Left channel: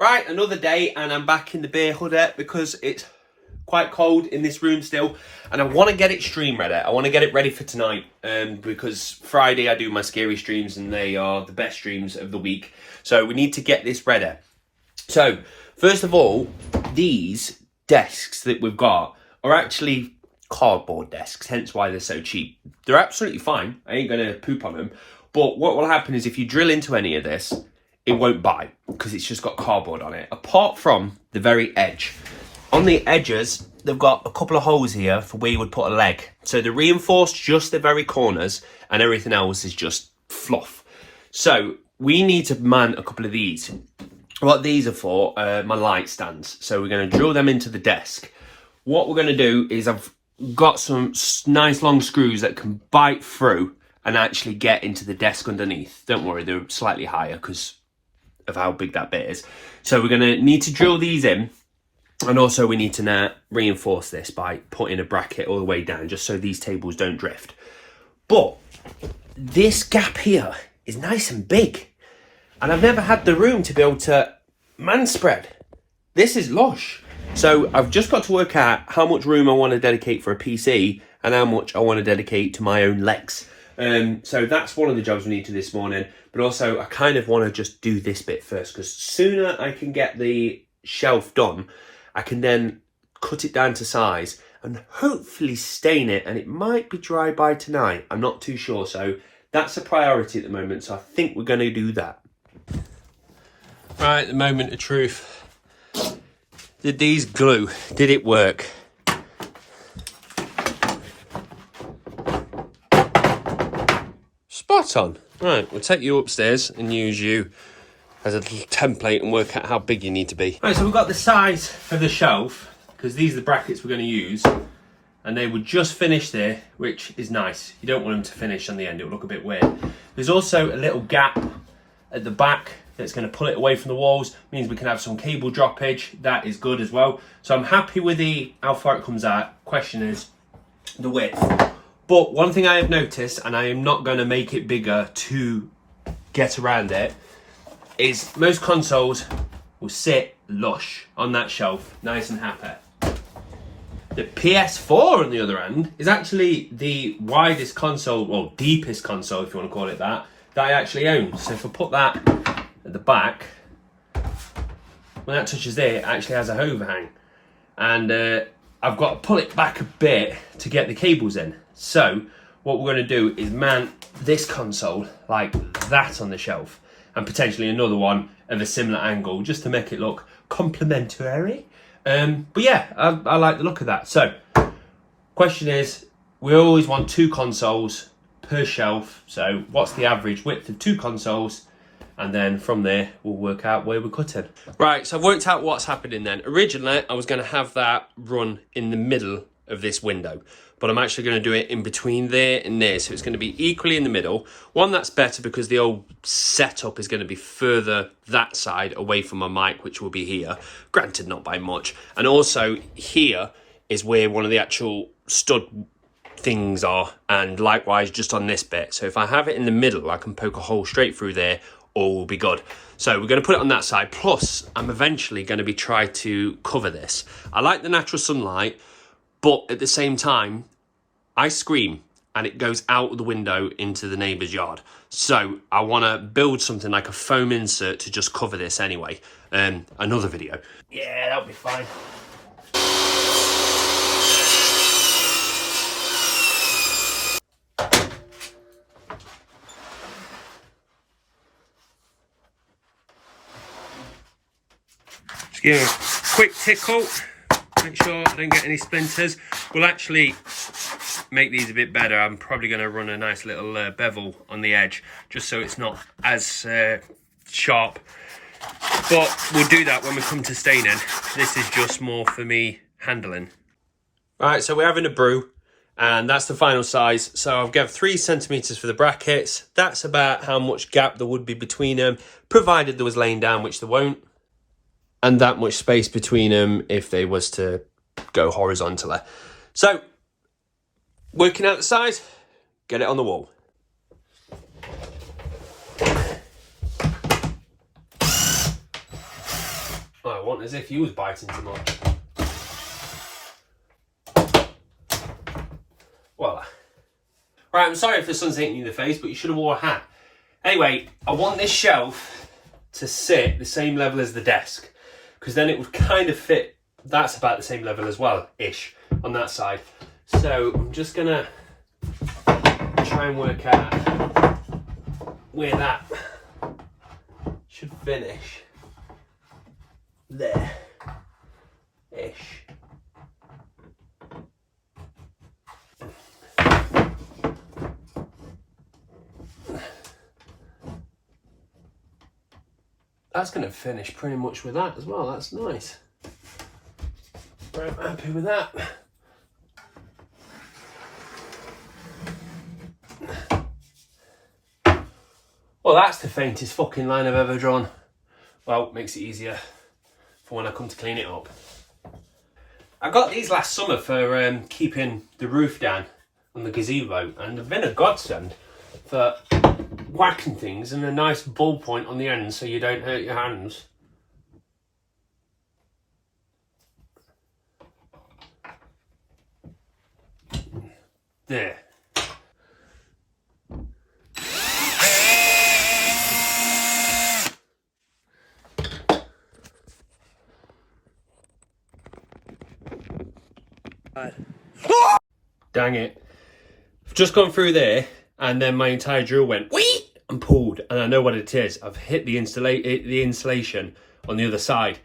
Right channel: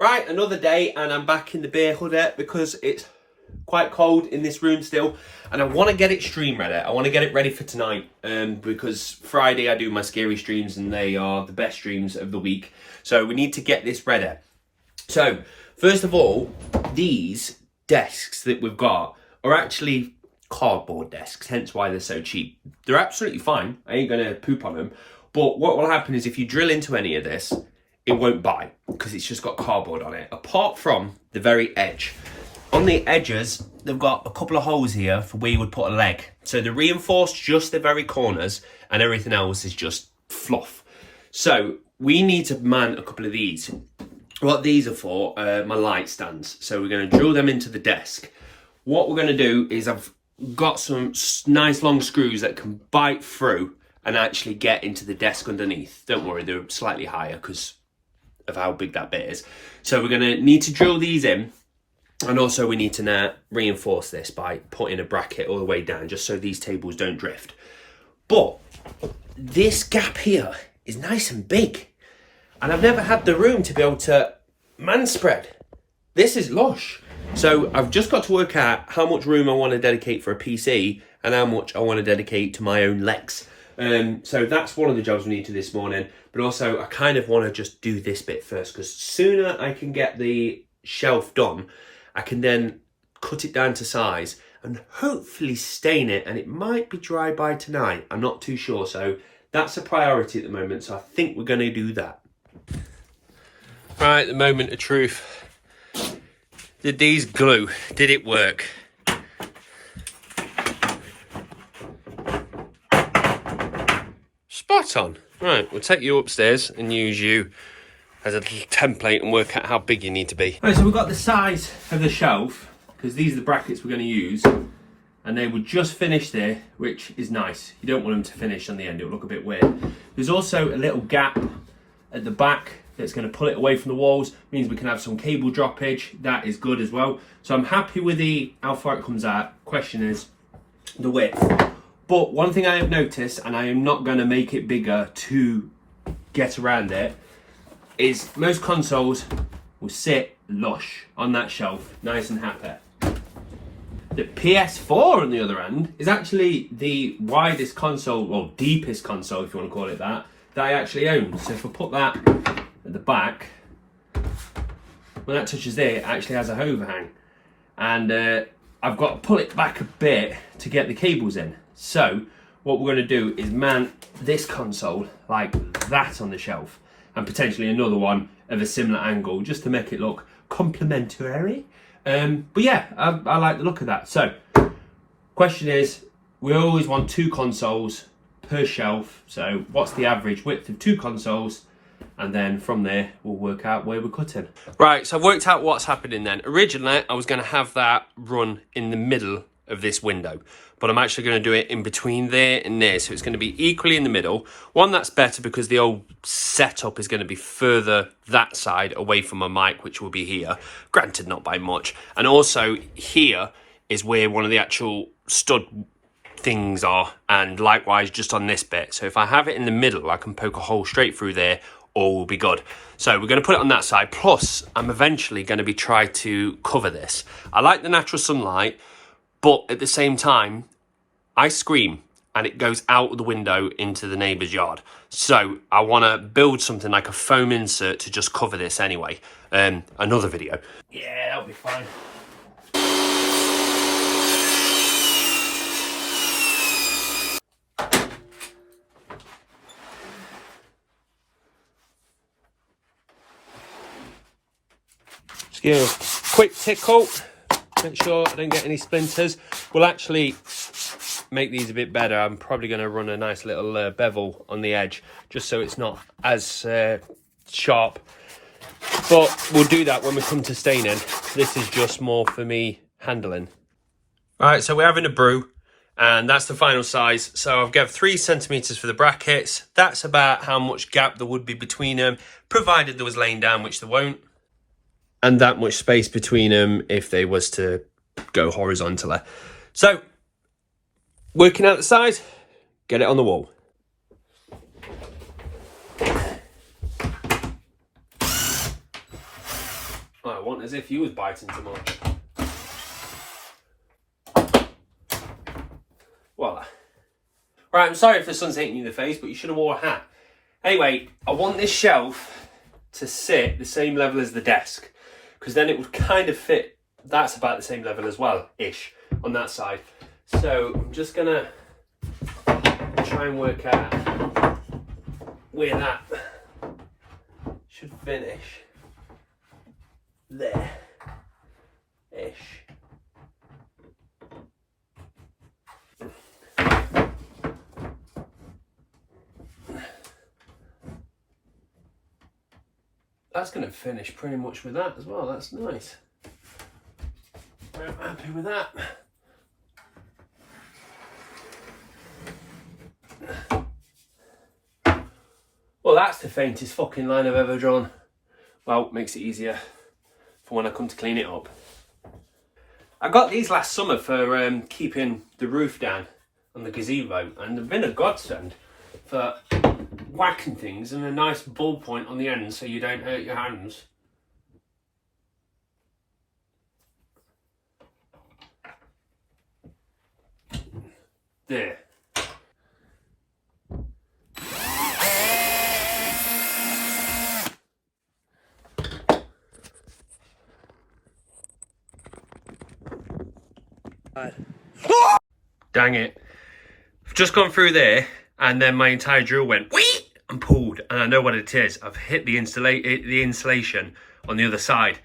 Right, another day and I'm back in the beer hoodie because it's quite cold in this room still and I want to get it stream ready. I want to get it ready for tonight because Friday I do my scary streams and they are the best streams of the week. So we need to get this ready. So first of all, these desks that we've got are actually cardboard desks, hence why they're so cheap. They're absolutely fine. I ain't going to poop on them. But what will happen is if you drill into any of this, it won't bite because it's just got cardboard on it, apart from the very edge. On the edges, they've got a couple of holes here for where you would put a leg. So they're reinforced just the very corners and everything else is just fluff. So we need to man a couple of these. What these are for, my light stands. So we're going to drill them into the desk. What we're going to do is I've got some nice long screws that can bite through and actually get into the desk underneath. Don't worry, they're slightly higher because of how big that bit is. So we're going to need to drill these in, and also we need to now reinforce this by putting a bracket all the way down just so these tables don't drift. But this gap here is nice and big and I've never had the room to be able to man spread. This is lush. So I've just got to work out how much room I want to dedicate for a PC and how much I want to dedicate to my own legs. So that's one of the jobs we need to do this morning, but also I kind of want to just do this bit first because sooner I can get the shelf done, I can then cut it down to size and hopefully stain it, and it might be dry by tonight. I'm not too sure, so that's a priority at the moment, so I think we're going to do that. Right, the moment of truth. Did these glue? Did it work? Spot on. Right, we'll take you upstairs and use you as a little template and work out how big you need to be. Right, so we've got the size for the shelf, because these are the brackets we're going to use, and they would just finish there, which is nice. You don't want them to finish on the end, it'll look a bit weird. There's also a little gap at the back that's going to pull it away from the walls, means we can have some cable droppage. That is good as well. So I'm happy with how far it comes out. Question is the width. But one thing I have noticed, and I am not going to make it bigger to get around it, is most consoles will sit lush on that shelf, nice and happy. The PS4, on the other hand, is actually the widest console, well, deepest console, if you want to call it that I actually own. So if I put that at the back, when that touches there, it actually has a overhang. And I've got to pull it back a bit to get the cables in. So what we're going to do is mount this console like that on the shelf, and potentially another one of a similar angle just to make it look complementary. But yeah, I like the look of that. So question is, we always want 2 consoles per shelf. So what's the average width of 2 consoles? And then from there, we'll work out where we're cutting. Right, so I've worked out what's happening then. Originally, I was going to have that run in the middle of this window, but I'm actually going to do it in between there and there. So it's going to be equally in the middle. One, that's better because the old setup is going to be further that side away from my mic, which will be here. Granted, not by much. And also here is where one of the actual stud things are, and likewise just on this bit. So if I have it in the middle, I can poke a hole straight through there, all will be good. So we're going to put it on that side. Plus, I'm eventually going to be trying to cover this. I like the natural sunlight, but at the same time, I scream and it goes out of the window into the neighbour's yard. So I want to build something like a foam insert to just cover this anyway. Another video. Yeah, that'll be fine. Just give it a quick tickle. Make sure I don't get any splinters. We'll actually make these a bit better. I'm probably going to run a nice little bevel on the edge just so it's not as sharp. But we'll do that when we come to staining. This is just more for me handling. Alright, so we're having a brew and that's the final size. So I've got 3 centimeters for the brackets. That's about how much gap there would be between them, provided there was laying down, which there won't. And that much space between them if they was to go horizontally. So, working out the size, get it on the wall. Oh, I want as if you was biting too much. Voila. Right, I'm sorry if the sun's hitting you in the face, but you should have wore a hat. Anyway, I want this shelf to sit the same level as the desk, because then it would kind of fit. That's about the same level as well, ish, on that side. So I'm just gonna try and work out where that should finish. There, ish. That's going to finish pretty much with that as well. That's nice. I'm happy with that. Well, that's the faintest fucking line I've ever drawn. Well, makes it easier for when I come to clean it up. I got these last summer for keeping the roof down on the gazebo, and they've been a godsend for whacking things and a nice ball point on the end so you don't hurt your hands. There. Dang it. I've just gone through there and then my entire drill went whee and pulled, and I know what it is. I've hit the insulation on the other side.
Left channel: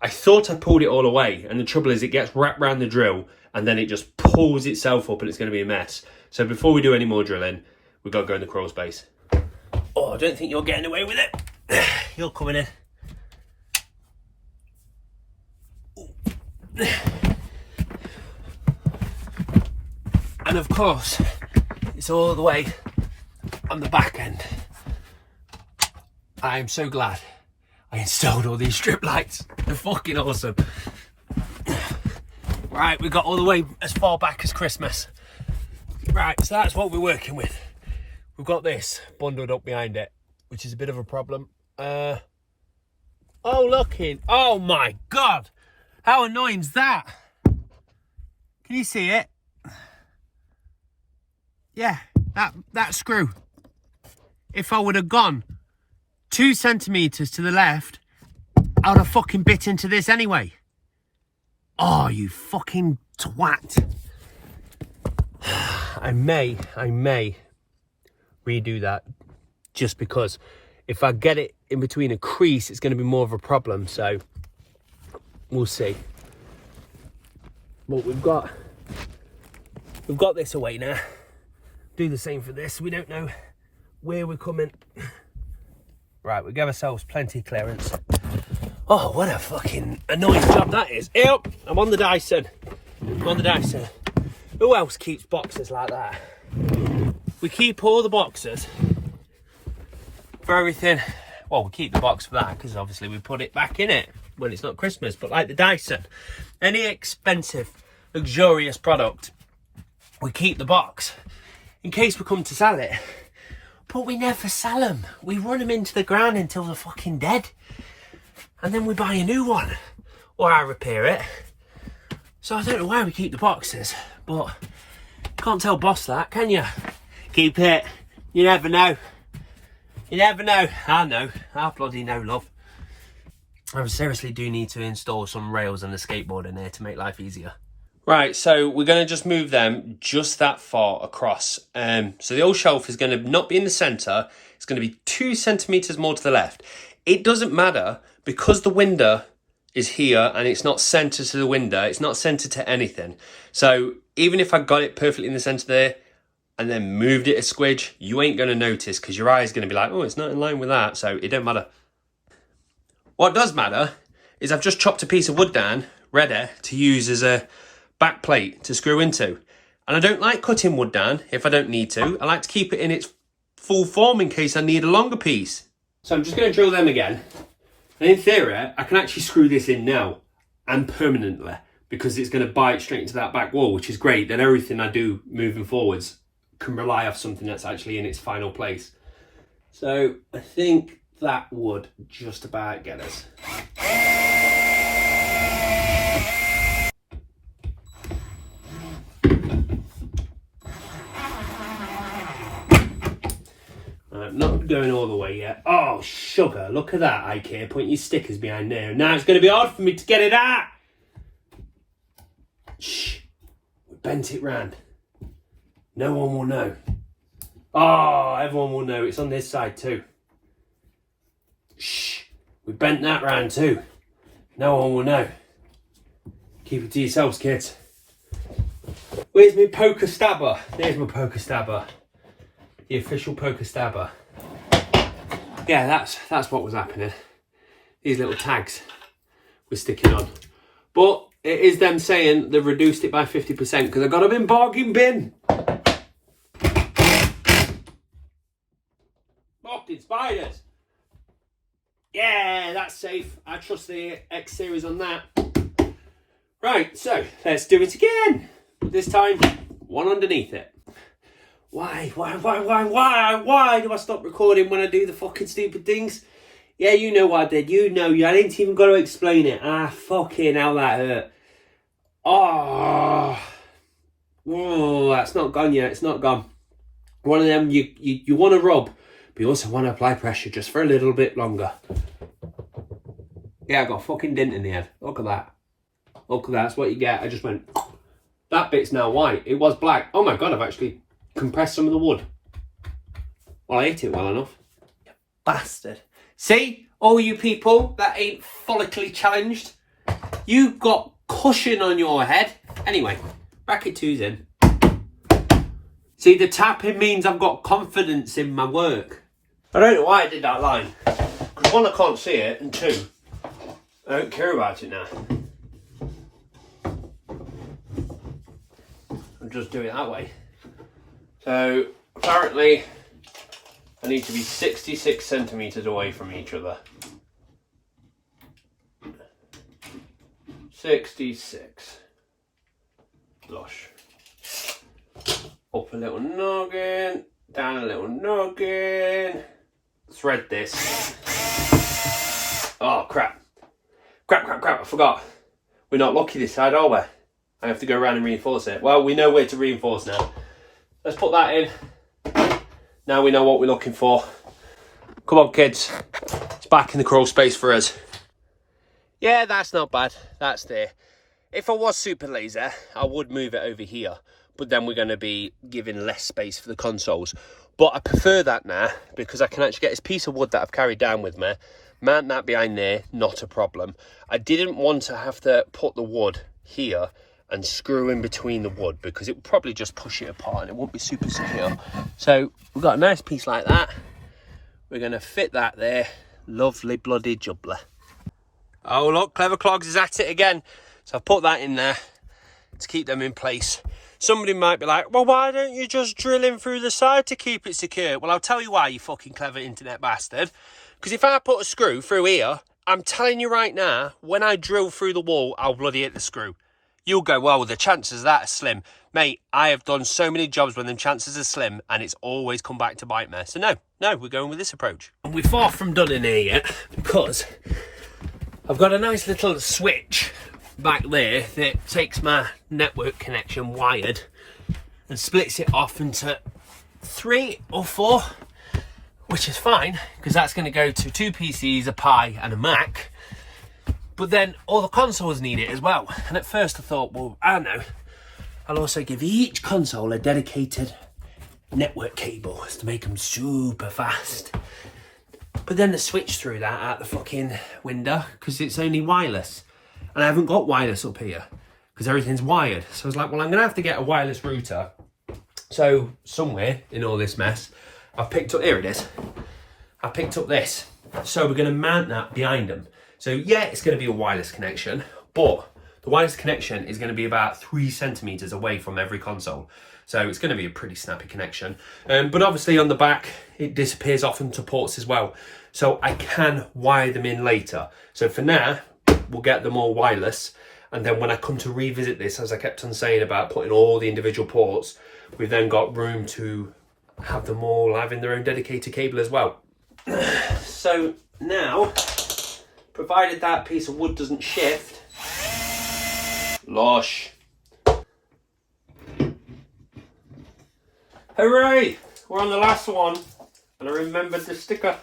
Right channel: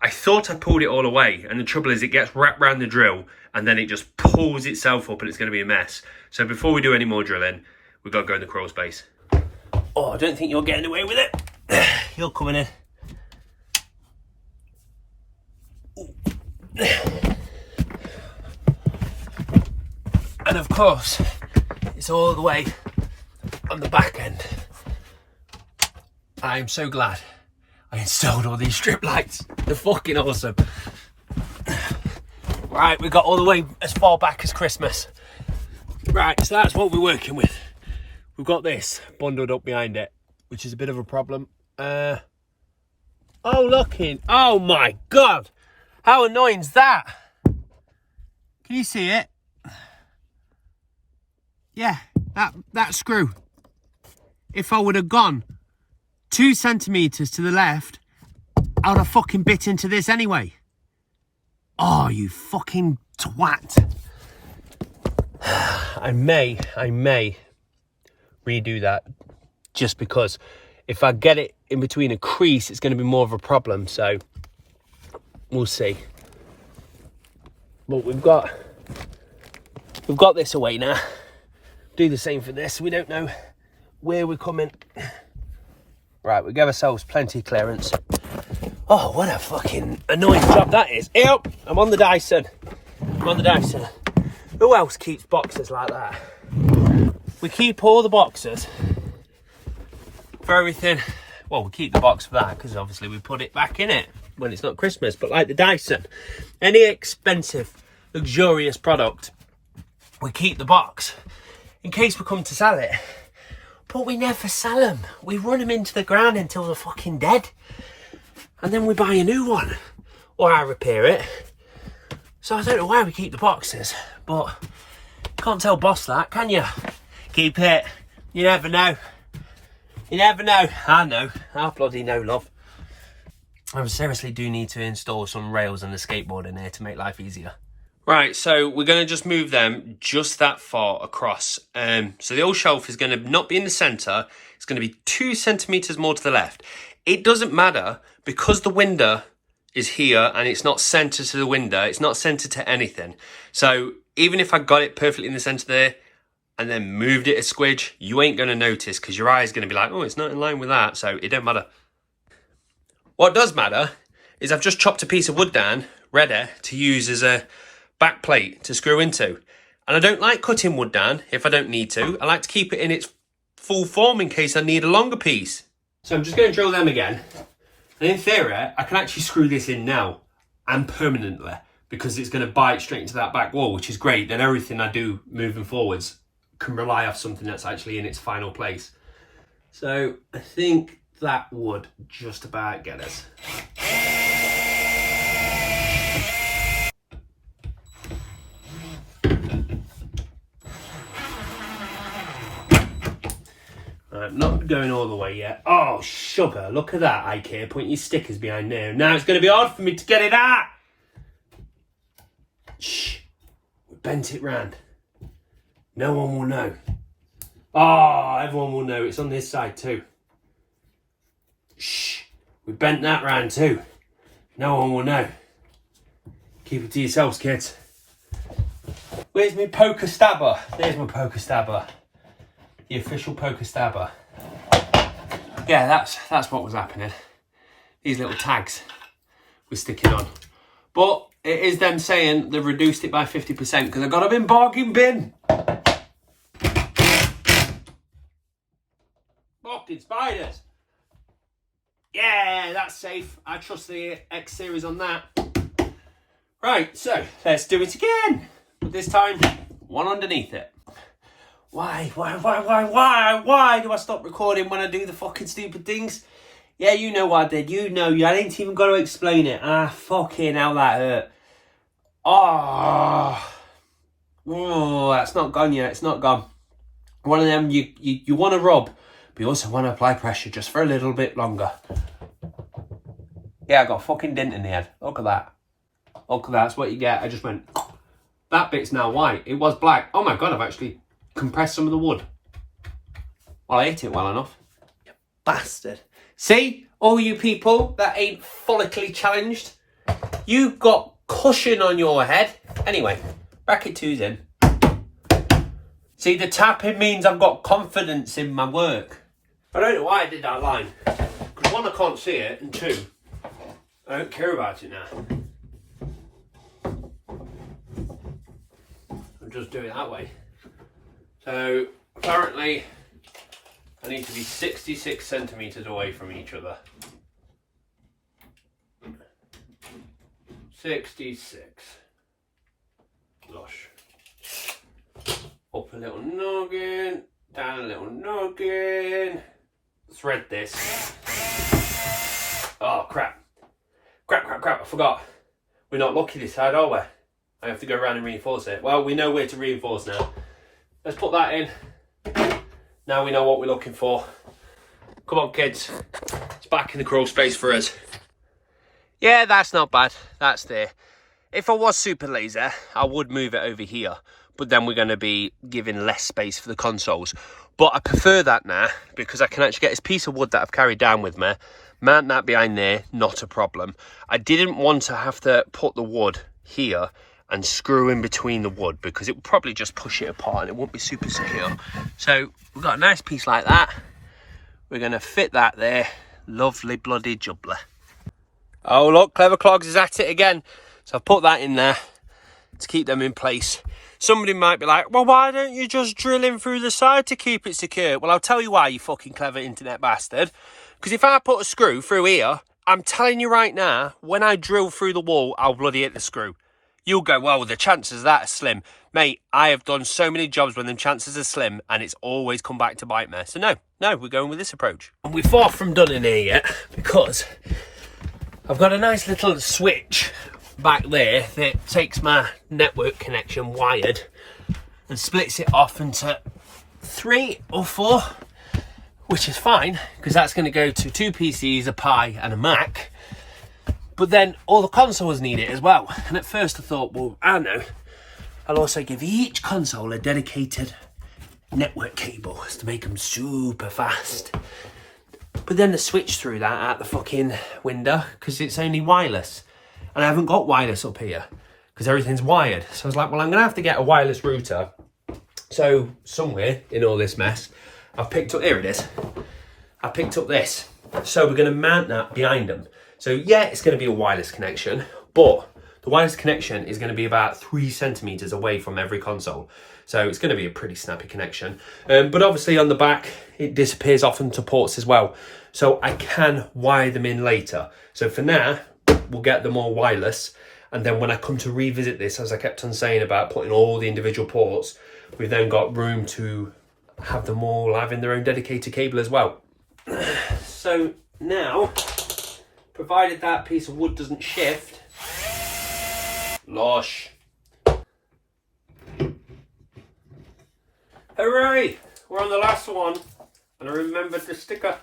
I thought I pulled it all away, and the trouble is it gets wrapped around the drill and then it just pulls itself up and it's going to be a mess. So before we do any more drilling, we've got to go in the crawl space. Oh, I don't think you're getting away with it. You're coming in. And of course, it's all the way on the back end. I am so glad I installed all these strip lights. They're fucking awesome. Right, we got all the way as far back as Christmas. Right, so that's what we're working with. We've got this bundled up behind it, which is a bit of a problem. Oh, oh my God. How annoying is that? Can you see it? Yeah, that screw. If I would have gone 2 centimetres to the left, I would have fucking bit into this anyway. Oh, you fucking twat. I may redo that, just because if I get it in between a crease, it's going to be more of a problem. So we'll see. But we've got this away now. Do the same for this. We don't know where we're coming. Right, we give ourselves plenty of clearance. Oh, what a fucking annoying job that is. Yep, I'm on the Dyson. Who else keeps boxes like that? We keep all the boxes for everything. Well, we keep the box for that because obviously we put it back in it when it's not Christmas. But like the Dyson, any expensive, luxurious product, we keep the box in case we come to sell it. But we never sell them. We run them into the ground until they're fucking dead. And then we buy a new one. Or I repair it. So I don't know why we keep the boxes. But can't tell boss that, can you? Keep it. You never know. You never know. I know. I bloody know, love. I seriously do need to install some rails and a skateboard in here to make life easier. Right, so we're going to just move them just that far across. So the old shelf is going to not be in the centre. It's going to be 2 centimetres more to the left. It doesn't matter because the window is here and it's not centred to the window. It's not centred to anything. So even if I got it perfectly in the centre there and then moved it a squidge, you ain't going to notice because your eye is going to be like, oh, it's not in line with that. So it don't matter. What does matter is I've just chopped a piece of wood down, ready to use as a backplate to screw into. And I don't like cutting wood down if I don't need to. I like to keep it in its full form in case I need a longer piece. So I'm just going to drill them again. And in theory, I can actually screw this in now and permanently because it's going to bite straight into that back wall, which is great. Then everything I do moving forwards can rely off something that's actually in its final place. So I think that would just about get us. not going all the way yet. Oh, sugar, look at that, IKEA, putting your stickers behind there. Now it's going to be hard for me to get it out. Shh, we bent it round. No one will know. Oh, everyone will know. It's on this side too. Shh, we bent that round too. No one will know. Keep it to yourselves, kids. Where's my poker stabber? There's my poker stabber. The official poker stabber. Yeah, that's what was happening. These little tags were sticking on. But it is them saying they've reduced it by 50% because I got them in bargain bin. Fucking spiders. Yeah, that's safe. I trust the X series on that. Right, so let's do it again. But this time, one underneath it. Why do I stop recording when I do the fucking stupid things? Yeah, you know what I did. You know, I didn't even got to explain it. Ah, fucking hell, that hurt. Oh, that's not gone yet. It's not gone. One of them you want to rub, but you also want to apply pressure just for a little bit longer. Yeah, I got a fucking dent in the head. Look at that. Look at that. That's what you get. I just went. That bit's now white. It was black. Oh my God, I've actually compressed some of the wood. Well, I hit it well enough. You bastard. See, all you people that ain't follically challenged, you've got cushion on your head. Anyway, bracket 2's in. See, the tapping means I've got confidence in my work. I don't know why I did that line. Because one, I can't see it, and two, I don't care about it now. I'll just do it that way. So, apparently, I need to be 66 centimetres away from each other. 66. Lush. Up a little noggin, down a little noggin. Thread this. Oh, crap. Crap, I forgot. We're not lucky this side, are we? I have to go around and reinforce it. Well, we know where to reinforce now. Let's put that in. Now we know what we're looking for. Come on, kids. It's back in the crawl space for us. Yeah, that's not bad. That's there. If I was super lazy, I would move it over here. But then we're going to be giving less space for the consoles. But I prefer that now because I can actually get this piece of wood that I've carried down with me, mount that behind there, not a problem. I didn't want to have to put the wood here and screw in between the wood because it would probably just push it apart and it won't be super secure. So we've got a nice piece like that. We're going to fit that there. Lovely bloody jubbly. Oh look, Clever Clogs is at it again. So I've put that in there to keep them in place. Somebody might be like, well, why don't you just drill in through the side to keep it secure? Well, I'll tell you why, you fucking clever internet bastard. Because if I put a screw through here, I'm telling you right now, when I drill through the wall, I'll bloody hit the screw. You'll go, well, the chances of that are slim. Mate, I have done so many jobs when the chances are slim, and it's always come back to bite me. So no, we're going with this approach. And we're far from done in here yet, because I've got a nice little switch back there that takes my network connection wired and splits it off into 3 or 4, which is fine because that's going to go to 2 PCs, a Pi and a Mac. But then all the consoles need it as well. And at first I thought, well, I know, I'll also give each console a dedicated network cable to make them super fast. But then the switch threw that out the fucking window because it's only wireless. And I haven't got wireless up here because everything's wired. So I was like, well, I'm going to have to get a wireless router. So somewhere in all this mess, I've picked up, here it is. I picked up this. So we're going to mount that behind them. So yeah, it's going to be a wireless connection, but the wireless connection is going to be about 3 centimeters away from every console. So it's going to be a pretty snappy connection. But obviously on the back, it disappears off into ports as well. So I can wire them in later. So for now, we'll get them all wireless. And then when I come to revisit this, as I kept on saying about putting all the individual ports, we've then got room to have them all having their own dedicated cable as well. So now, provided that piece of wood doesn't shift, lush. Hooray! We're on the last one. And I remembered the sticker.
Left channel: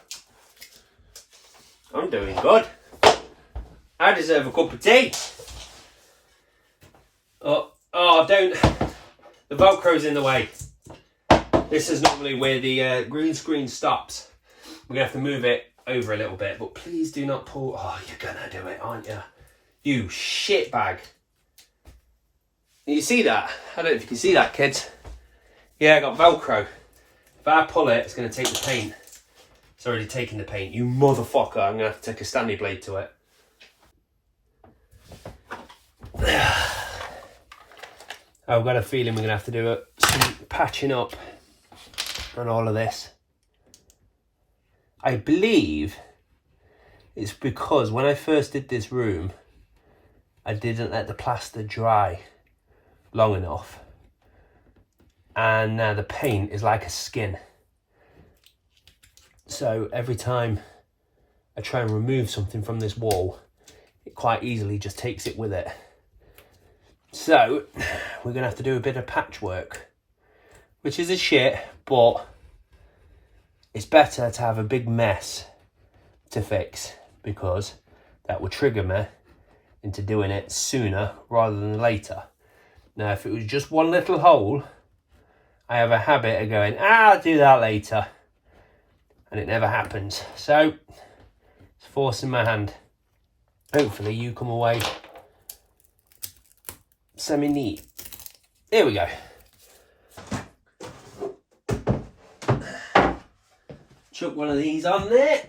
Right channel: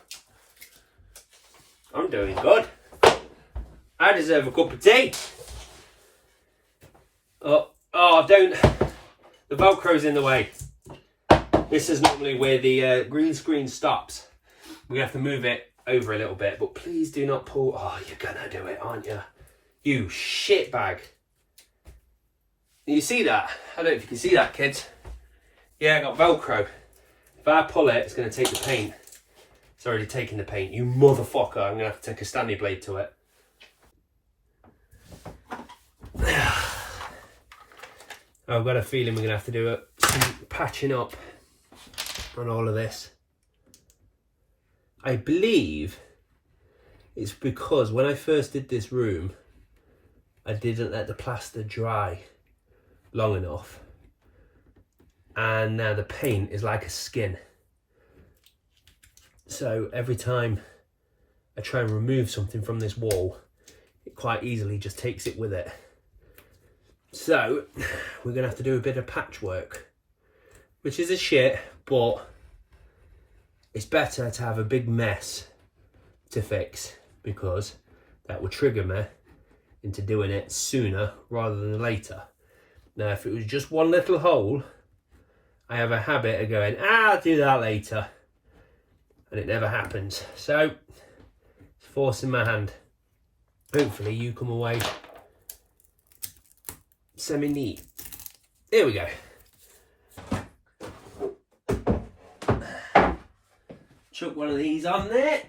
I'm doing good. I deserve a cup of tea. Oh, don't. The Velcro's in the way. This is normally where the green screen stops. We're going to have to move it over a little bit, but please do not pull. Oh, you're going to do it, aren't you? You shitbag. You see that? I don't know if you can see that, kids. Yeah, I got Velcro. If I pull it, it's going to take the paint. It's already taken the paint. You motherfucker. I'm going to have to take a Stanley blade to it. I've got a feeling we're going to have to do some patching up on all of this. I believe it's because when I first did this room, I didn't let the plaster dry long enough. And now the paint is like a skin. So every time I try and remove something from this wall, it quite easily just takes it with it. So we're going to have to do a bit of patchwork, which is a shit, but it's better to have a big mess to fix, because that will trigger me into doing it sooner rather than later. Now, if it was just one little hole, I have a habit of going, I'll do that later. And it never happens. So, it's forcing my hand. Hopefully you come away semi-neat. Here we go. Chuck one of these on there.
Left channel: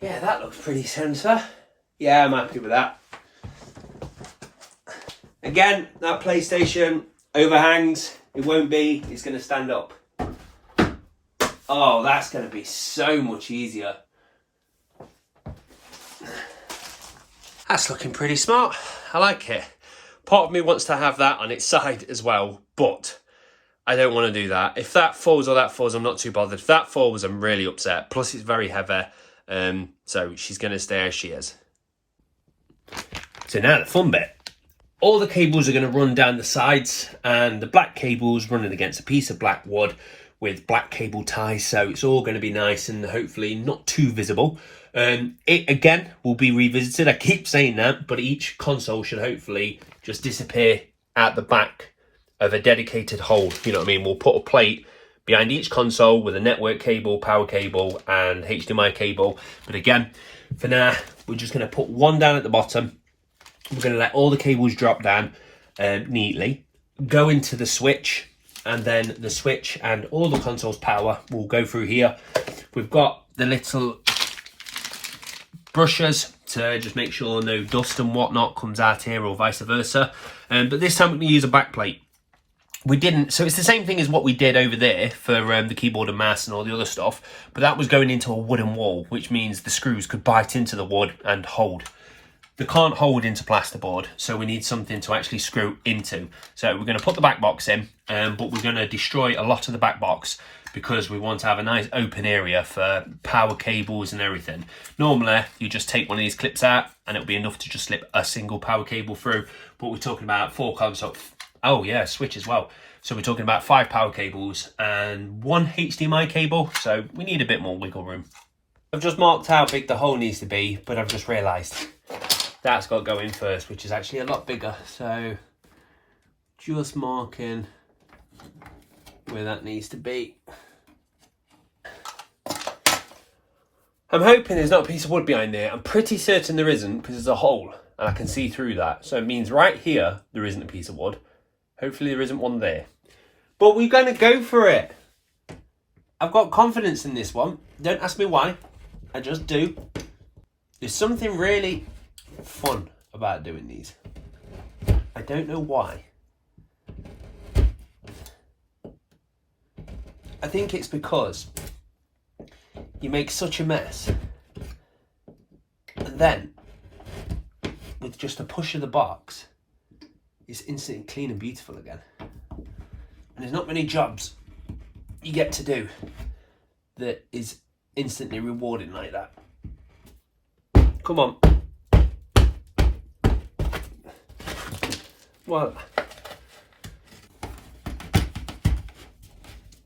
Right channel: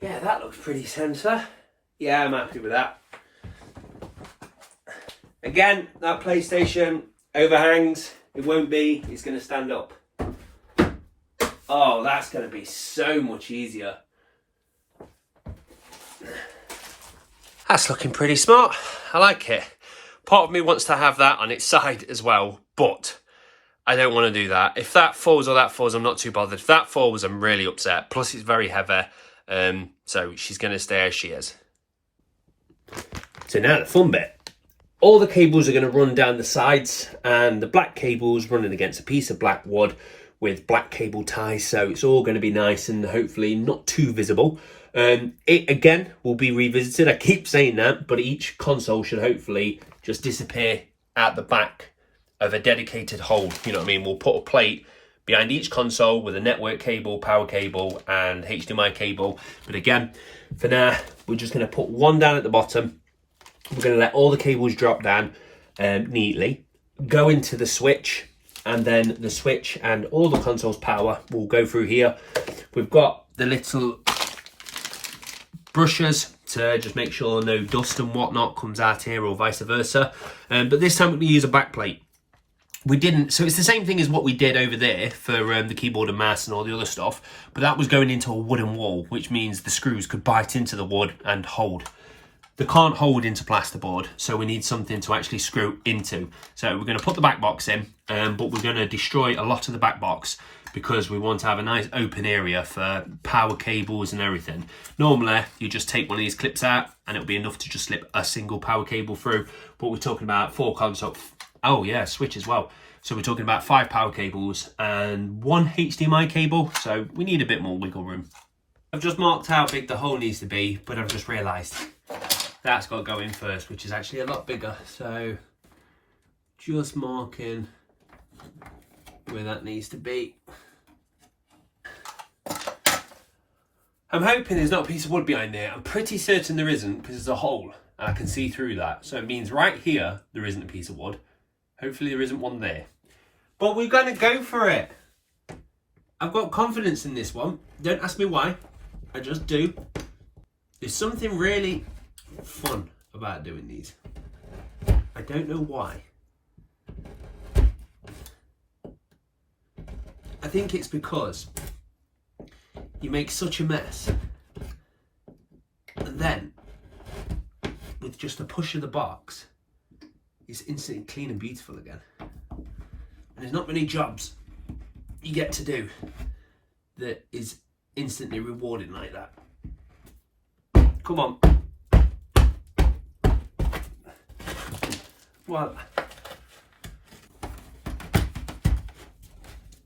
Yeah, that looks pretty sensor. Yeah, I'm happy with that. Again, that PlayStation overhangs. It won't be. It's going to stand up. Oh, that's going to be so much easier. That's looking pretty smart. I like it. Part of me wants to have that on its side as well, but I don't want to do that. If that falls or that falls, I'm not too bothered. If that falls, I'm really upset. Plus, it's very heavy. So she's going to stay as she is. So now the fun bit. All the cables are going to run down the sides, and the black cable's running against a piece of black wood with black cable ties. So it's all going to be nice and hopefully not too visible. It again will be revisited. I keep saying that, but each console should hopefully just disappear at the back of a dedicated hole. You know what I mean? We'll put a plate behind each console with a network cable, power cable, and HDMI cable. But again, for now, we're just going to put one down at the bottom. We're going to let all the cables drop down neatly, go into the switch, and then the switch and all the console's power will go through here. We've got the little brushes to just make sure no dust and whatnot comes out here, or vice versa. But this time we're going to use a backplate. We didn't, so it's the same thing as what we did over there for the keyboard and mouse and all the other stuff, but that was going into a wooden wall, which means the screws could bite into the wood and hold. They can't hold into plasterboard, so we need something to actually screw into. So we're going to put the back box in, but we're going to destroy a lot of the back box because we want to have a nice open area for power cables and everything. Normally, you just take one of these clips out and it'll be enough to just slip a single power cable through, but we're talking about 4 console. Oh yeah, switch as well. So we're talking about 5 power cables and 1 HDMI cable, so we need a bit more wiggle room. I've just marked how big the hole needs to be, but I've just realised that's got to go in first, which is actually a lot bigger. So just marking where that needs to be. I'm hoping there's not a piece of wood behind there. I'm pretty certain there isn't, because there's a hole and I can see through that. So it means right here there isn't a piece of wood. Hopefully there isn't one there. But we're going to go for it. I've got confidence in this one. Don't ask me why. I just do. There's something really fun about doing these. I don't know why. I think it's because you make such a mess, and then with just a push of the box, it's instantly clean and beautiful again. And there's not many jobs you get to do that is instantly rewarding like that. Come on. What?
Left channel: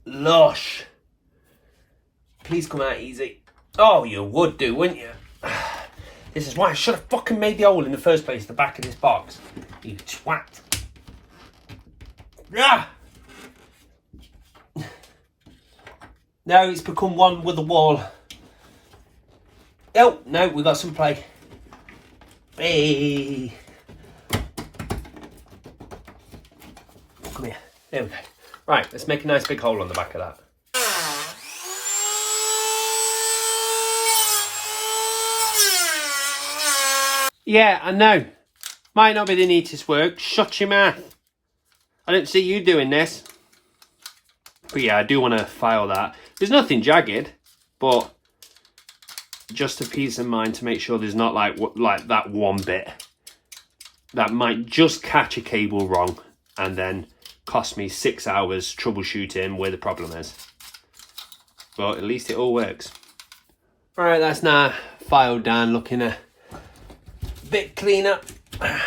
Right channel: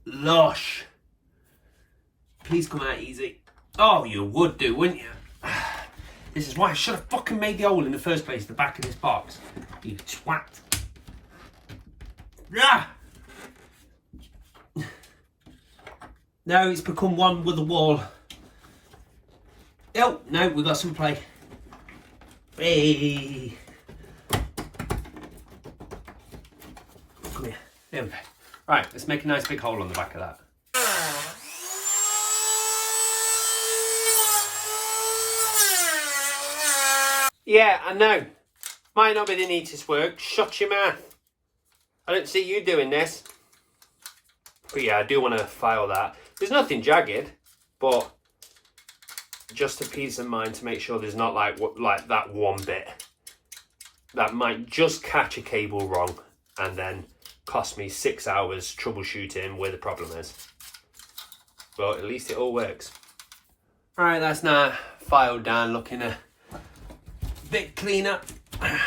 Lush. please come out easy. Oh, you would do, wouldn't you? This is why I should have fucking made the hole in the first place, the back of this box. You twat. Ah! Now it's become one with the wall. Oh, no, we got some play. Hey. Come here. There we go. Right, let's make a nice big hole on the back of that. Yeah, I know. Might not be the neatest work. Shut your mouth. I don't see you doing this. But yeah, I do want to file that. There's nothing jagged, but just a peace of mind to make sure there's not like that one bit that might just catch a cable wrong and then cost me 6 hours troubleshooting where the problem is. But at least it all works. Right, that's now filed down, looking a bit cleaner. I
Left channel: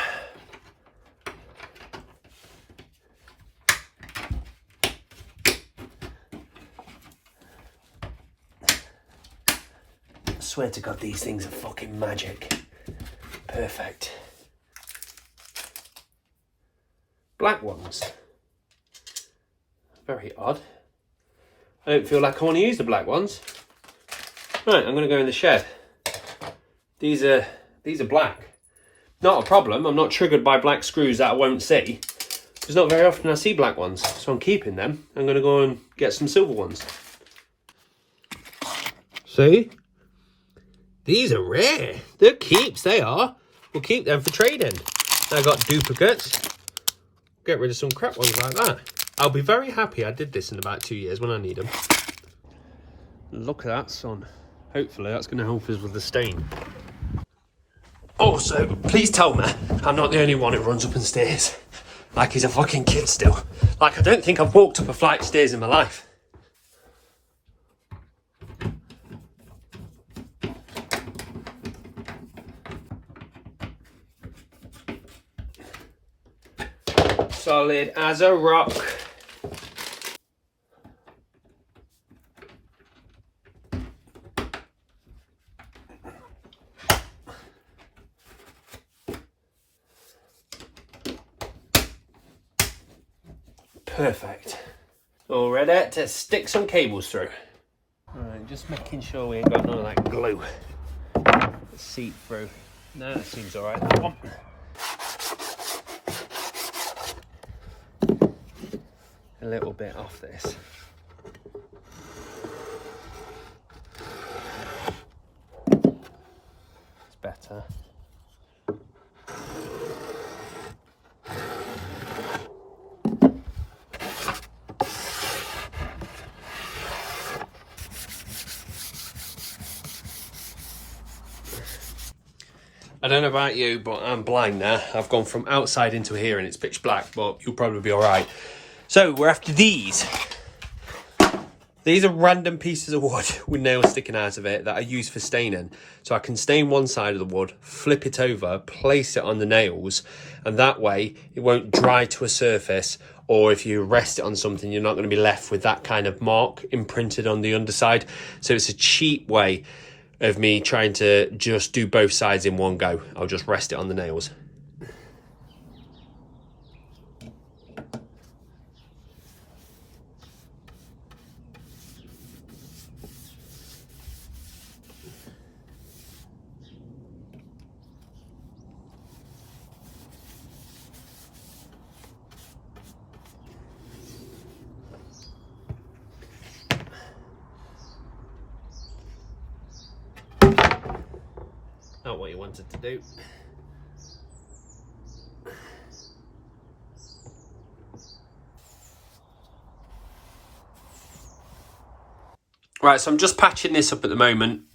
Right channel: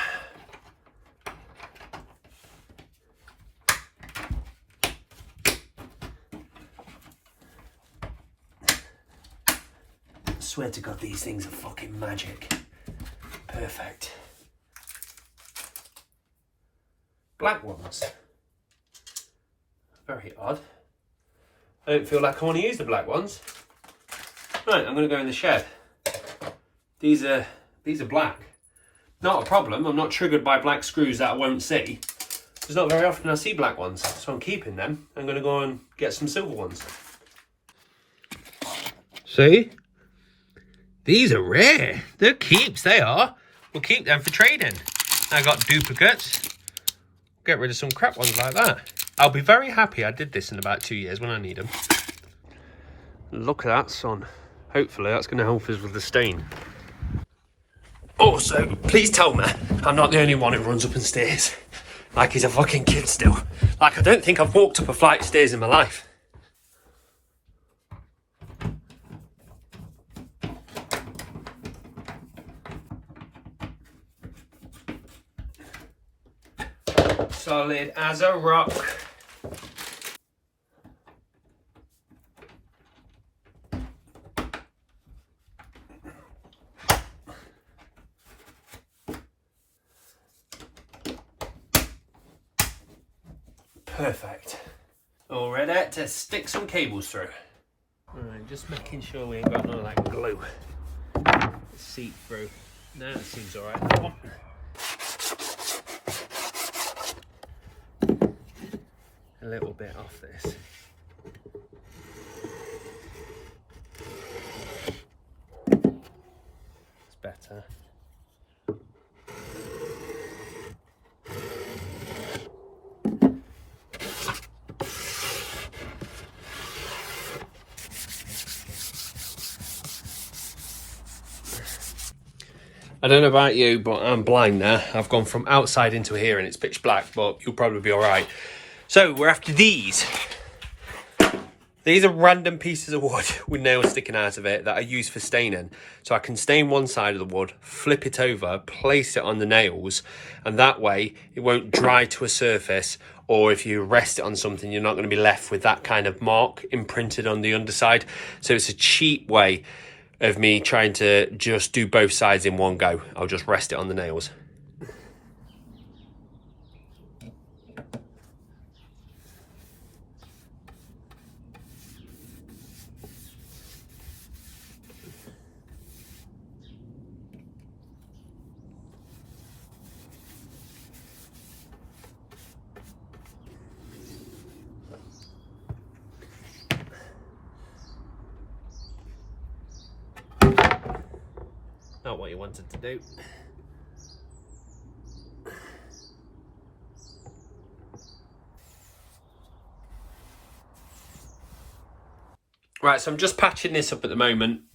swear to God, these things are fucking magic. Perfect. Black ones. Very odd. I don't feel like I want to use the black ones. Right, I'm going to go in the shed. These are black. Not a problem. I'm not triggered by black screws that I won't see. It's not very often I see black ones, so I'm keeping them. I'm going to go and get some silver ones. See? These are rare. They're keeps, they are. We'll keep them for trading. I got duplicates. Get rid of some crap ones like that. I'll be very happy I did this in about 2 years when I need them. Look at that sun. Hopefully that's going to help us with the stain. Also, please tell me I'm not the only one who runs up and stairs like he's a fucking kid still. Like, I don't think I've walked up a flight of stairs in my life. Solid as a rock. Perfect. All ready to stick some cables through. Alright, just making sure we ain't got none of that glue. Seep through. No, it seems alright. That one. A little bit off this. It's better. I don't know about you, but I'm blind now. I've gone from outside into here and it's pitch black, but you'll probably be all right. So we're after these. These are random pieces of wood with nails sticking out of it that I use for staining. So I can stain one side of the wood, flip it over, place it on the nails, and that way it won't dry to a surface, or if you rest it on something, you're not going to be left with that kind of mark imprinted on the underside. So it's a cheap way of me trying to just do both sides in one go. I'll just rest it on the nails. Not what you wanted to do. Right, so I'm just patching this up at the moment,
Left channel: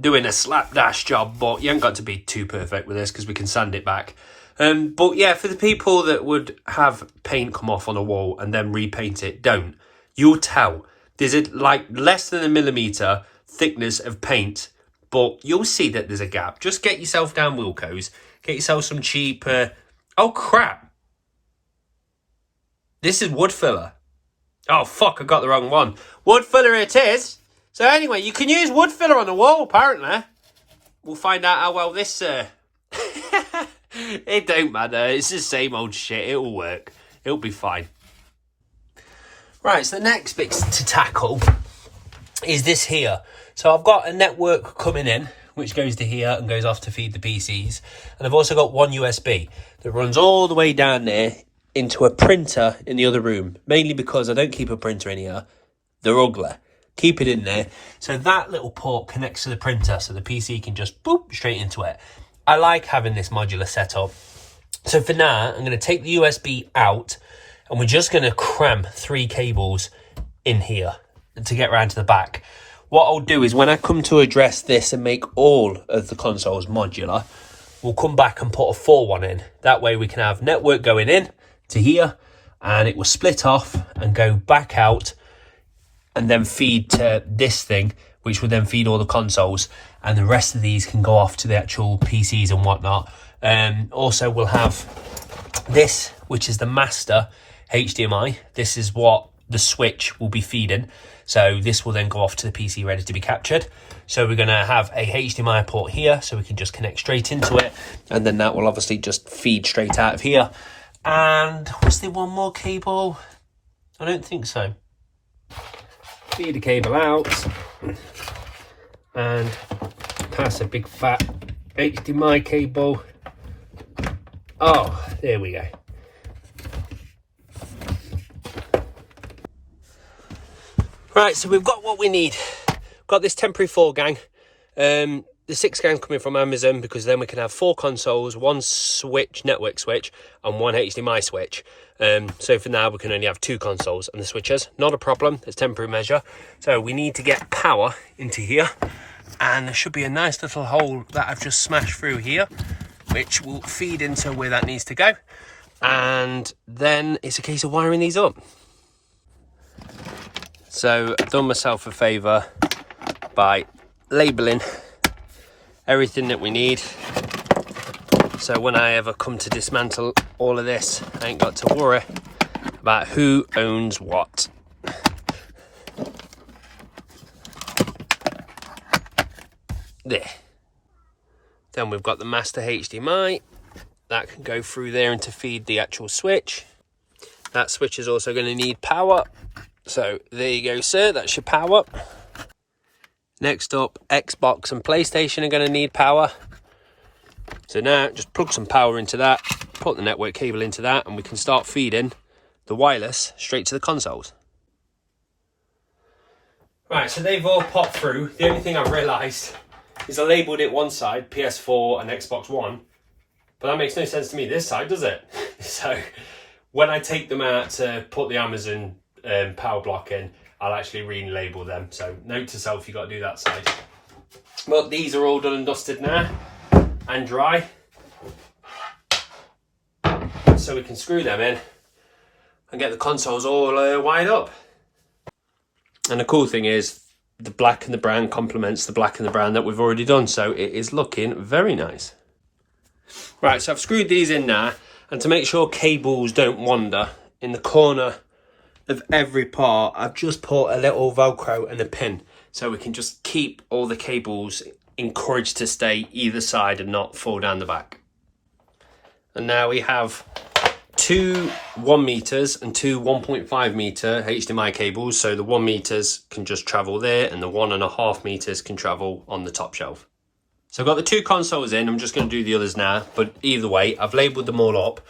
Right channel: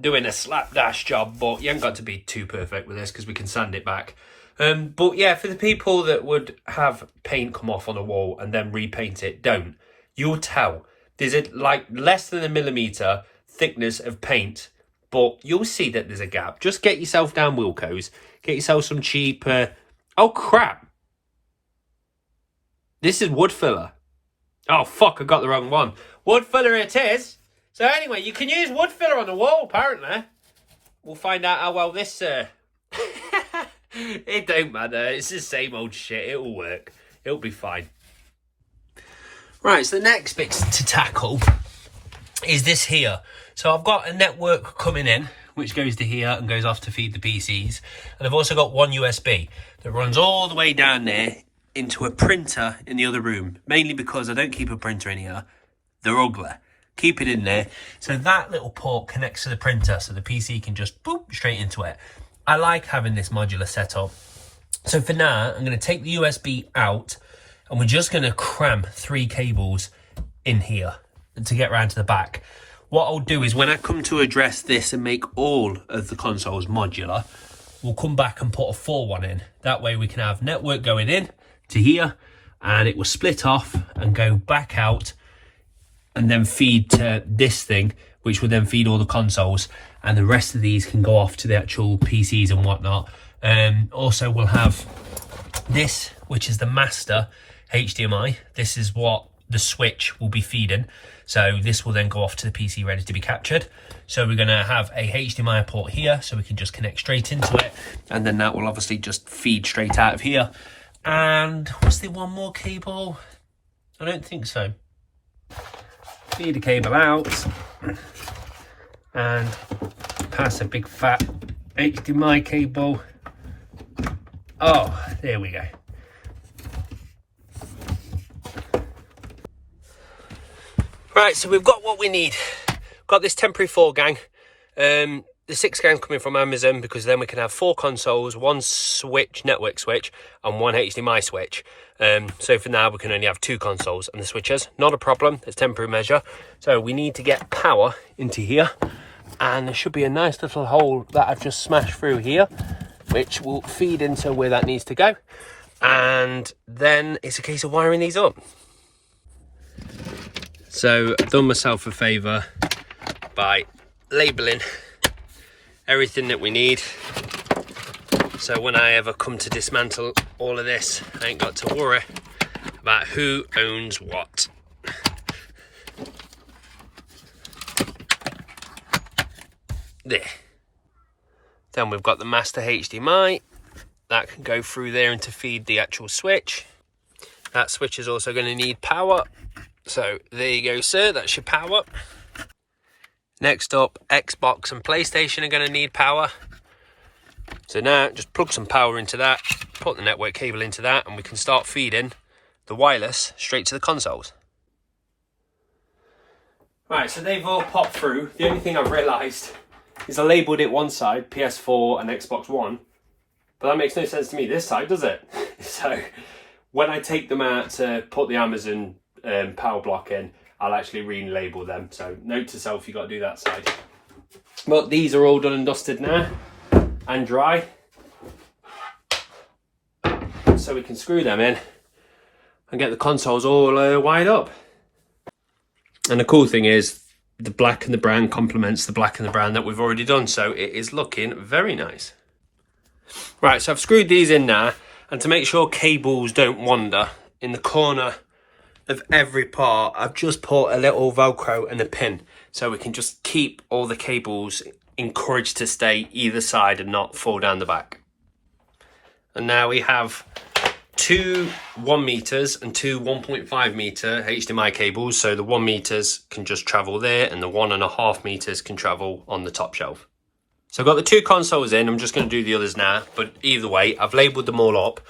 doing a slapdash job, but you ain't got to be too perfect with this because we can sand it back. But yeah, for the people that would have paint come off on a wall and then repaint it, don't. You'll tell. There's like less than 1 millimetre thickness of paint, but you'll see that there's a gap. Just get yourself down Wilco's. Get yourself some cheap... Oh, crap. This is wood filler. Oh, fuck, I got the wrong one. Wood filler it is. So anyway, you can use wood filler on the wall, apparently. We'll find out how well this... It don't matter. It's the same old shit. It'll work. It'll be fine. Right, so the next bit to tackle is this here. So I've got a network coming in, which goes to here and goes off to feed the PCs. And I've also got one USB that runs all the way down there into a printer in the other room. Mainly because I don't keep a printer in here. They're ugly. Keep it in there. So that little port connects to the printer so the PC can just boop straight into it. I like having this modular setup. So for now, I'm going to take the USB out and we're just going to cram 3 cables in here to get round to the back. What I'll do is when I come to address this and make all of the consoles modular, we'll come back and put a 4th one in. That way we can have network going in to here and it will split off and go back out and then feed to this thing, which will then feed all the consoles, and the rest of these can go off to the actual PCs and whatnot. Also, we'll have this, which is the master HDMI. This is what the switch will be feeding. So this will then go off to the PC ready to be captured. So we're going to have a HDMI port here, so we can just connect straight into it. And then that will obviously just feed straight out of here. And was there one more cable? I don't think so. Feed the cable out and pass a big fat HDMI cable. Oh, there we go. Right, so we've got what we need. Got this temporary 4 gang. The 6 gang coming from Amazon, because then we can have 4 consoles, 1 switch, network switch, and 1 HDMI switch. So for now we can only have 2 consoles and the switches. Not a problem, it's temporary measure. So we need to get power into here, and there should be a nice little hole that I've just smashed through here, which will feed into where that needs to go. And then it's a case of wiring these up. So I've done myself a favour by labelling everything that we need. So when I ever come to dismantle all of this, I ain't got to worry about who owns what. There. Then we've got the master HDMI. That can go through there and to feed the actual switch. That switch is also going to need power. So there you go, sir. That's your power. Next up, Xbox and PlayStation are going to need power. So now just plug some power into that, put the network cable into that, and we can start feeding the wireless straight to the consoles. Right, so they've all popped through. The only thing I've realised is I labelled it one side, PS4 and Xbox One, but that makes no sense to me this side, does it? So when I take them out to put the Amazon power block in, I'll actually relabel them. So note to self, you got to do that side. But these are all done and dusted now and dry, so we can screw them in and get the consoles all wired up. And the cool thing is the black and the brown complements the black and the brown that we've already done, so it is looking very nice. Right, so I've screwed these in now, and to make sure cables don't wander, in the corner of every part I've just put a little Velcro and a pin, so we can just keep all the cables encouraged to stay either side and not fall down the back. And now we have 2 1 meters and 2 1.5 meter HDMI cables, so the 1 meters can just travel there and the 1.5 meters can travel on the top shelf. So I've got the 2 consoles in. I'm just going to do the others now, but either way I've labelled them all up.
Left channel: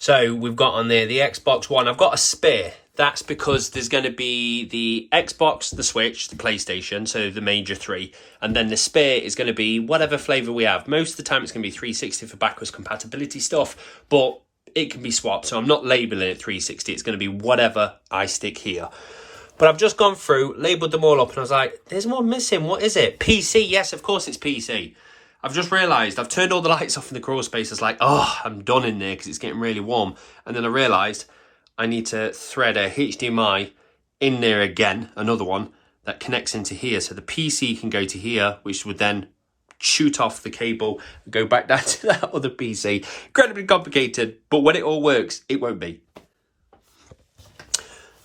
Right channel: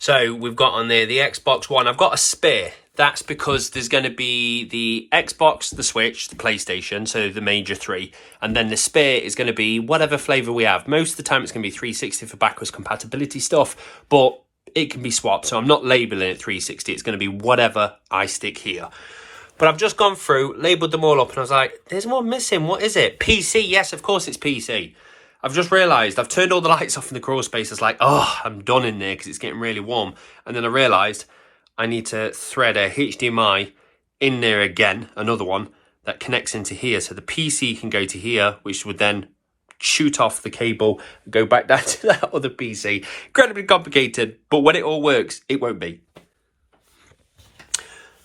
So we've got on there the Xbox One. I've got a spare. That's because there's going to be the Xbox, the Switch, the PlayStation, so the major 3. And then the spare is going to be whatever flavour we have. Most of the time it's going to be 360 for backwards compatibility stuff, but it can be swapped. So I'm not labelling it 360. It's going to be whatever I stick here. But I've just gone through, labelled them all up, and I was like, there's one missing. What is it? PC. Yes, of course it's PC. I've just realised I've turned all the lights off in the crawl space. It's like, oh, I'm done in there because it's getting really warm. And then I realised I need to thread a HDMI in there again, another one that connects into here. So the PC can go to here, which would then shoot off the cable and go back down to that other PC. Incredibly complicated, but when it all works, it won't be.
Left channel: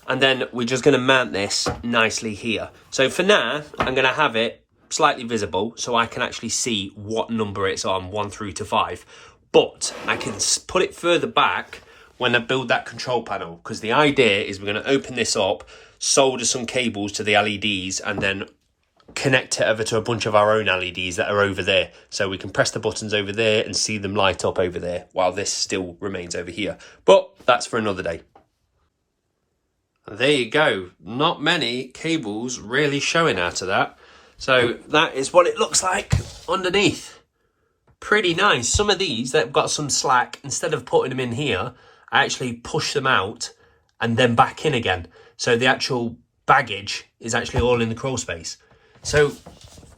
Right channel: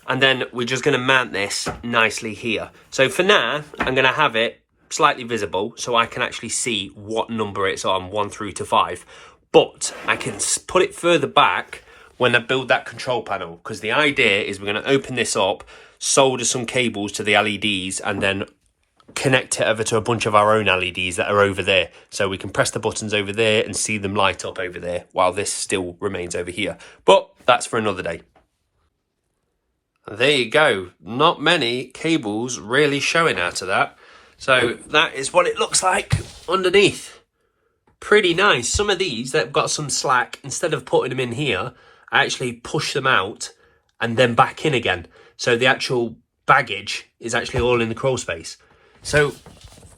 And then we're just going to mount this nicely here. So for now, I'm going to have it slightly visible so I can actually see what number it's on, 1 through to 5. But I can put it further back when I build that control panel, because the idea is we're going to open this up, solder some cables to the LEDs, and then connect it over to a bunch of our own LEDs that are over there. So we can press the buttons over there and see them light up over there while this still remains over here. But that's for another day. There you go. Not many cables really showing out of that. So that is what it looks like underneath. Pretty nice. Some of these that have got some slack, instead of putting them in here, I actually push them out and then back in again. So the actual baggage is actually all in the crawl space. So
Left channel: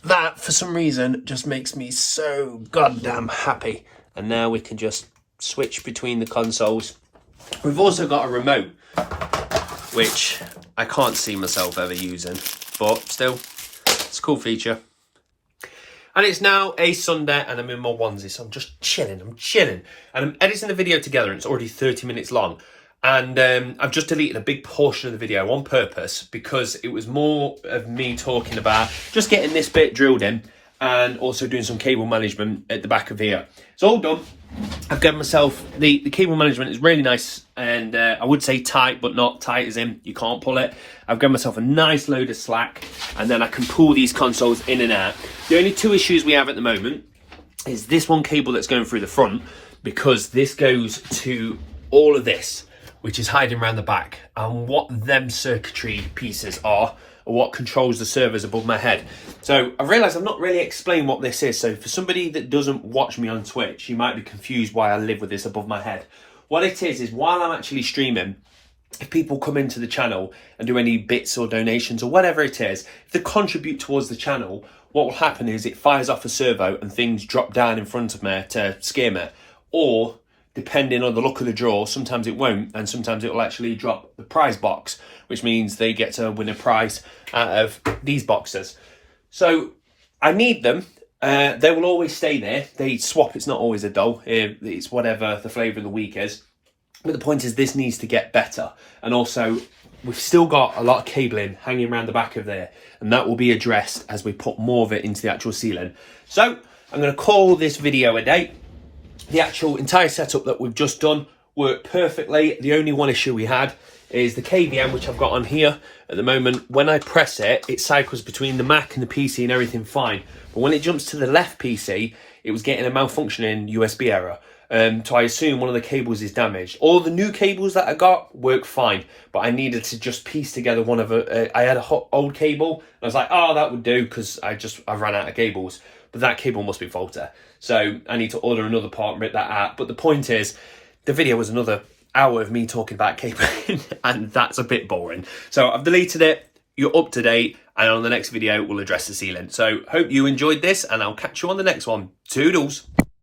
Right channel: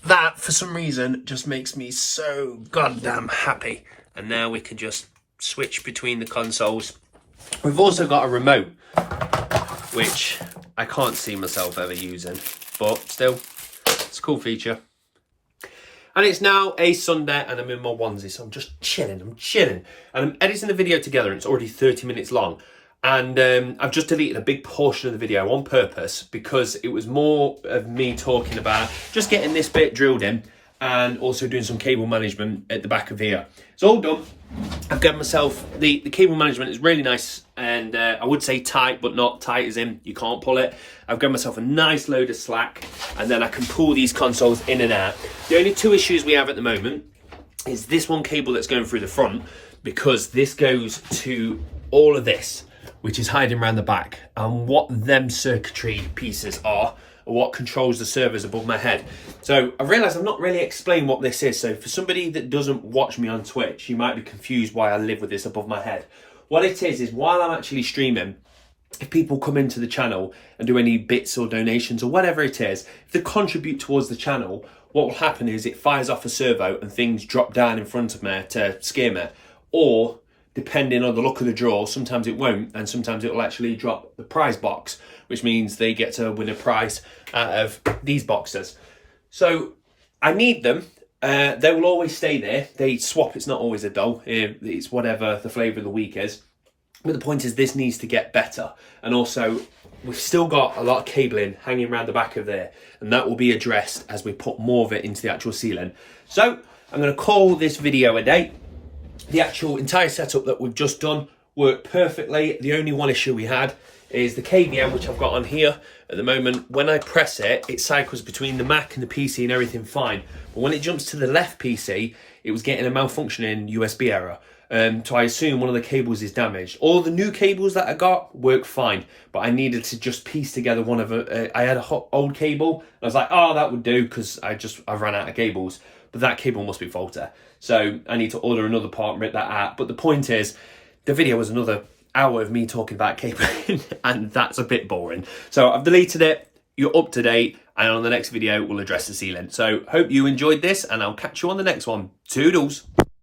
that, for some reason, just makes me so goddamn happy. And now we can just switch between the consoles. We've also got a remote, which I can't see myself ever using, but still, it's a cool feature. And it's now a Sunday and I'm in my onesie, so I'm just chilling, And I'm editing the video together and it's already 30 minutes long. And I've just deleted a big portion of the video on purpose because it was more of me talking about just getting this bit drilled in and also doing some cable management at the back of here. It's all done. I've got myself, the cable management is really nice and I would say tight, but not tight as in you can't pull it. I've got myself a nice load of slack and then I can pull these consoles in and out. The only two issues we have at the moment is this one cable that's going through the front, because this goes to all of this, which is hiding around the back. And what them circuitry pieces are what controls the servers above my head. So I've realised I've not really explained what this is. So for somebody that doesn't watch me on Twitch, you might be confused why I live with this above my head. What it is while I'm actually streaming, if people come into the channel and do any bits or donations or whatever it is, if they contribute towards the channel, what will happen is it fires off a servo and things drop down in front of me to scare me. Or, depending on the look of the draw, sometimes it won't, and sometimes it will actually drop the prize box, which means they get to win a prize out of these boxes. So I need them. They will always stay there. They swap. It's not always a doll. It's whatever the flavour of the week is. But the point is this needs to get better. And also, we've still got a lot of cabling hanging around the back of there, and that will be addressed as we put more of it into the actual ceiling. So I'm going to call this video a day. The actual entire setup that we've just done worked perfectly. The only one issue we had is the KVM, which I've got on here at the moment. When I press it, it cycles between the Mac and the PC and everything fine. But when it jumps to the left PC, it was getting a malfunctioning USB error. So I assume one of the cables is damaged. All the new cables that I got work fine, but I needed to just piece together one of I had a old cable. And I was like, oh, that would do, because I ran out of cables. But that cable must be faulty. So I need to order another part and rip that out. But the point is, the video was another hour of me talking about cabling, and that's a bit boring. So I've deleted it. You're up to date. And on the next video, we'll address the ceiling. So hope you enjoyed this, and I'll catch you on the next one. Toodles.